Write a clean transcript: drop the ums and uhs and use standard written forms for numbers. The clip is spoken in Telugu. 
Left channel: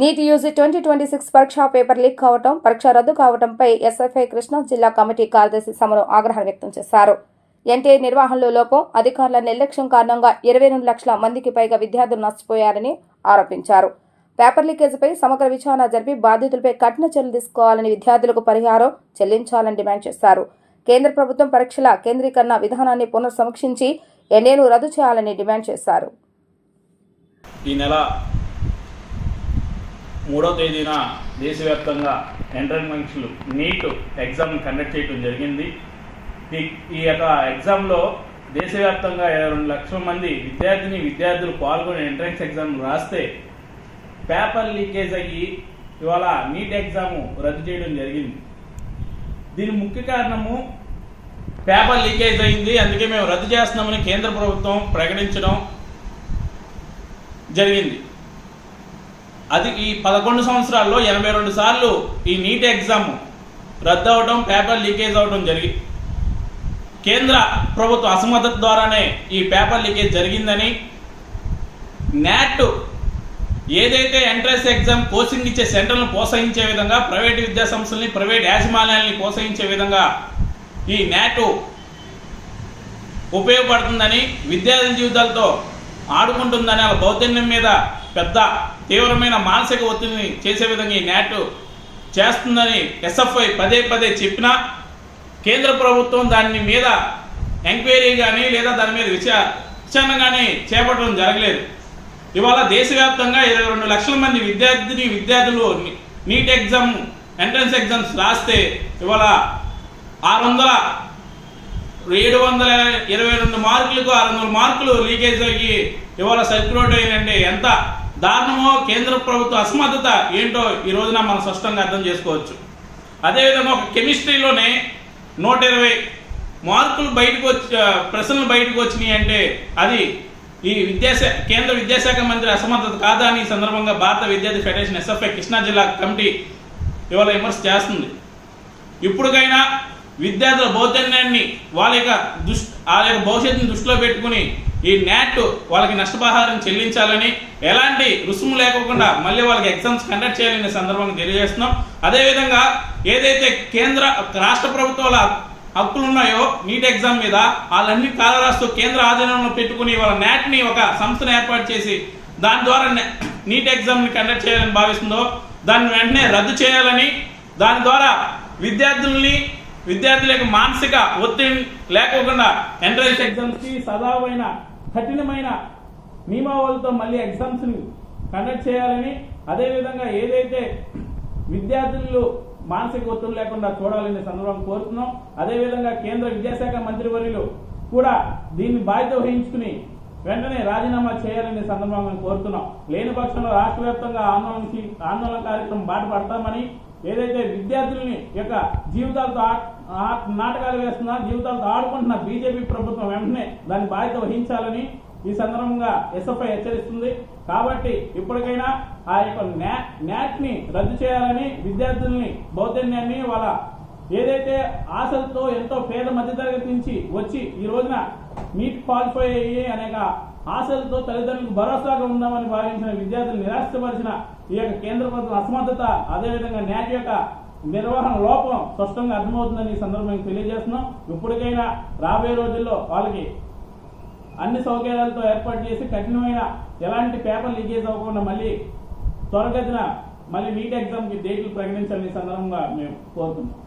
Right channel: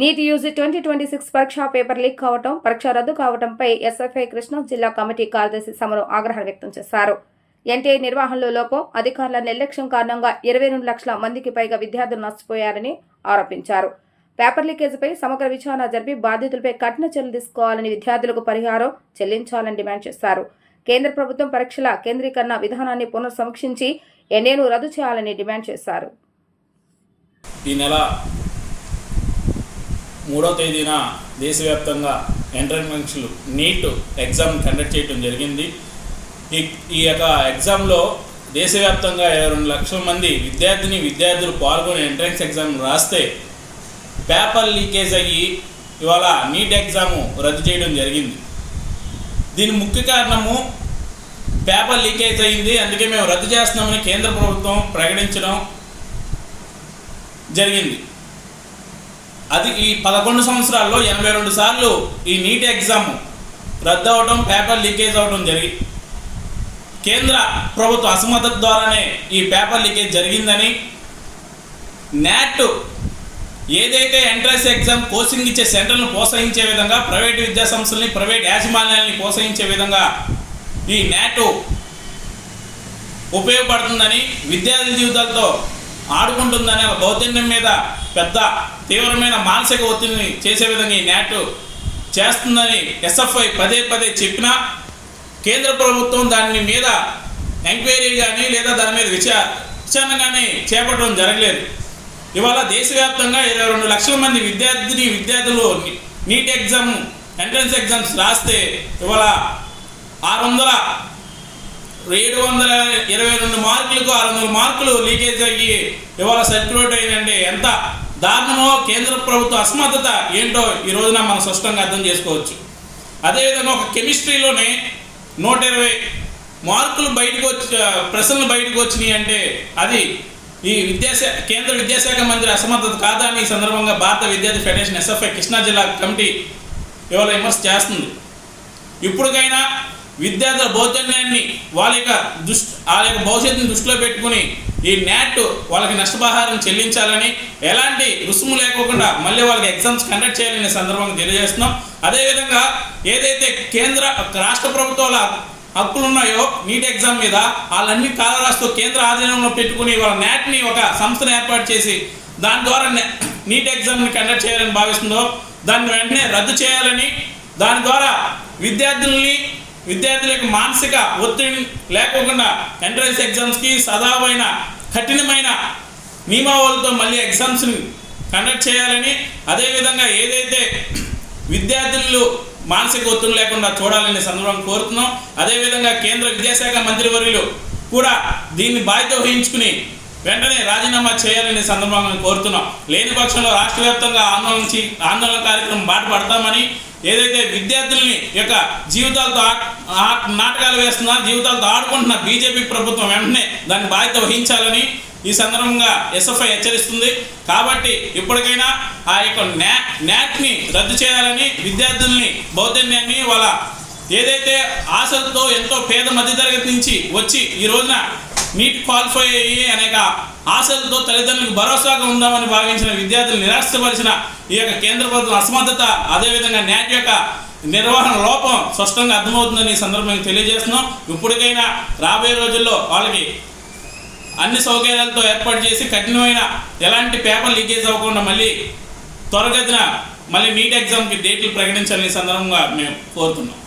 నీట్ యూజీ 2026 పరీక్ష పేపర్ లీక్ కావటం, పరీక్ష రద్దు కావడంపై ఎస్ఎఫ్ఐ కృష్ణా జిల్లా కమిటీ కార్యదర్శి సమరం ఆగ్రహం వ్యక్తం చేశారు. ఎన్టీఏ నిర్వహణలో లోపం, అధికారుల నిర్లక్ష్యం కారణంగా 22 లక్షల మందికి పైగా విద్యార్థులు నష్టపోయారని ఆరోపించారు. పేపర్ లీకేజీపై సమగ్ర విచారణ జరిపి బాధితులపై కఠిన చర్యలు తీసుకోవాలని, విద్యార్థులకు పరిహారం చెల్లించాలని డిమాండ్ చేశారు. కేంద్ర ప్రభుత్వం పరీక్షల కేంద్రీకరణ విధానాన్ని పునఃసమీక్షించి ఎన్ఏను రద్దు చేయాలని డిమాండ్ చేశారు. ఈ నెల 3వ తేదీన దేశవ్యాప్తంగా ఎంట్రన్స్ పరీక్షలు నీట్ ఎగ్జామ్ కండక్ట్ చేయడం జరిగింది. ఈ యొక్క ఎగ్జామ్లో దేశవ్యాప్తంగా 22 లక్షల మంది విద్యార్థులు పాల్గొని ఎంట్రన్స్ ఎగ్జామ్ రాస్తే పేపర్ లీకేజ్ అయ్యి ఇవాళ నీట్ ఎగ్జాము రద్దు చేయడం జరిగింది. దీని ముఖ్య కారణము పేపర్ లీకేజ్ అయింది, అందుకే మేము రద్దు చేస్తున్నామని కేంద్ర ప్రభుత్వం ప్రకటించడం జరిగింది. అది ఈ 11 సంవత్సరాల్లో 82 సార్లు ఈ నీట్ ఎగ్జామ్ రద్దు అవడం, పేపర్ లీకేజ్ అవడం జరిగింది. కేంద్ర ప్రభుత్వ అసమర్థత ద్వారానే ఈ పేపర్ లీకేజ్ జరిగిందని, నాట్ ఏదైతే ఎంట్రన్స్ ఎగ్జామ్ కోచింగ్ ఇచ్చే సెంటర్లను ప్రోత్సహించే విధంగా ప్రైవేట్ విద్యాసంస్థల్ని, ప్రైవేట్ యాజమాన్యాలని ప్రోత్సహించే విధంగా ఈ నాట్ ఉపయోగపడుతుందని, విద్యార్థుల జీవితాలతో ఆడుకుంటుందని, అలా బౌద్ధన్యం మీద పెద్ద తీవ్రమైన మానసిక ఒత్తిడిని చేసే విధంగా ఈ నాట్ చేస్తుందని ఎస్ఎఫ్ఐ పదే పదే చెప్పినా కేంద్ర ప్రభుత్వం దాని మీద ఎంక్వైరీ కానీ లేదా దాని మీద విచారణ కానీ చేపట్టడం జరగలేదు. ఇవాళ దేశవ్యాప్తంగా 22 లక్షల మంది విద్యార్థులు నీట్ ఎగ్జామ్ ఎంట్రన్స్ ఎగ్జామ్స్ రాస్తే ఇవాళ 722 మార్కులకు 600 మార్కులు లీకేజ్ అయ్యి ఇవాళ సర్క్యులేట్ అయ్యిందంటే ఎంత దారుణమో, కేంద్ర ప్రభుత్వ అసమర్థత ఏంటో ఈ రోజున మనం స్పష్టంగా అర్థం చేసుకోవచ్చు. అదేవిధంగా ఒక కెమిస్ట్రీలోనే 120 మార్కులు ప్రశ్నలు బయటకు వచ్చినాయి అంటే అది ఈ కేంద్ర విద్యాశాఖ మంత్రి అసమర్థత కాదా అని ఈ సందర్భంగా భారత విద్యార్థి ఫెడరేషన్ ఎస్ఎఫ్ఐ కృష్ణా జిల్లా కమిటీ ఇవాళ విమర్శ చేస్తుంది. ఇప్పటికైనా విద్యార్థుల బౌద్ధన్యాన్ని వాళ్ళ యొక్క భవిష్యత్తుని దృష్టిలో పెట్టుకుని ఈ నాట్ వాళ్ళకి నష్టపరిహారం చెల్లించాలని, ఎలాంటి రుసుము లేకోకుండా మళ్ళీ వాళ్ళకి ఎగ్జామ్స్ కండక్ట్ చేయాలనే సందర్భంగా తెలియజేస్తున్నాం. అదేవిధంగా ఏదైతే రాష్ట్ర ప్రభుత్వాల హక్కులు ఉన్నాయో నీట్ ఎగ్జామ్ మీద వాళ్ళన్ని కాలరాస్తూ కేంద్ర ఆధీనంలో పెట్టుకుని వాళ్ళ నాట్ని ఒక సంస్థను ఏర్పాటు చేసి దాని ద్వారా నీట్ ఎగ్జామ్ని కండక్ట్ చేయాలని భావిస్తుందో దాన్ని వెంటనే రద్దు చేయాలని, దాని ద్వారా విద్యార్థుల యొక్క మానసిక ఒత్తిడి లేకోకుండా ఎంట్రన్స్ ఎగ్జామ్స్కి సదావైన కఠినమైన నియమావళితో మళ్ళీ ఎగ్జామ్స్ని కండక్ట్ చేయాలని, అదేవిధంగా ఏదైతే విద్యార్థులు మానసిక ఒత్తిడి లేకుండా చూడాలని సందర్భంగా కోరుతున్నాం. అదేవిధంగా కేంద్ర విద్యాశాఖ మంత్రివర్యులు కూడా దీన్ని బాధ్యత వహించుకుని వెంటనే రాజీనామా చేయాలనే సందర్భంగా కోరుతున్నాం. లేని పక్షంలో రాష్ట్ర వ్యాప్తంగా ఆందోళన కార్యక్రమం బాట పడతామని, ఏదైతే విద్యార్థుల్ని యొక్క జీవితాలతో నాటకాలు వేస్తున్నా, జీవితాలతో ఆడుకుంటున్న బీజేపీ ప్రభుత్వం వెంటనే దాన్ని బాధ్యత వహించాలని ఈ సందర్భంగా ఎస్ఎఫ్ఐ హెచ్చరిస్తుంది. కాబట్టి ఇప్పటికైనా ఆ యొక్క నాట్ని రద్దు చేయాలని, విద్యార్థుల్ని బౌద్ధన్యాన్ని వాళ్ళ ఏదైతే ఆశలతో ఎంతో పేద మధ్యతరగతి నుంచి వచ్చి ఈ రోజున నీట్ క్వాలిఫై అయ్యి అనేక ఆశలతో తల్లిదండ్రులకు భరోసాగా ఉందామని భావించిన విద్యార్థులు నిరాశపరిచిన ఈ యొక్క కేంద్ర ప్రభుత్వం అసమర్థత, అదేవిధంగా నాట్ యొక్క నిర్వహణ లోపం స్పష్టంగా అర్థమవుతుందని ఈ సందర్భంగా తెలియజేస్తున్నాం. ఇప్పటికైనా రాబోయే రోజుల్లో వాళ్ళకి అన్ని సౌకర్యాలతో ఏర్పాటు చేసి కఠినమైన ఎలాంటి పేపర్ లీకేజ్ అవ్వకుండా మళ్ళీ త్వరగతిన నీట్ ఎగ్జామ్కి డేట్లు ప్రకటించాలని సందర్భంగా మేము కోరుతున్నాం.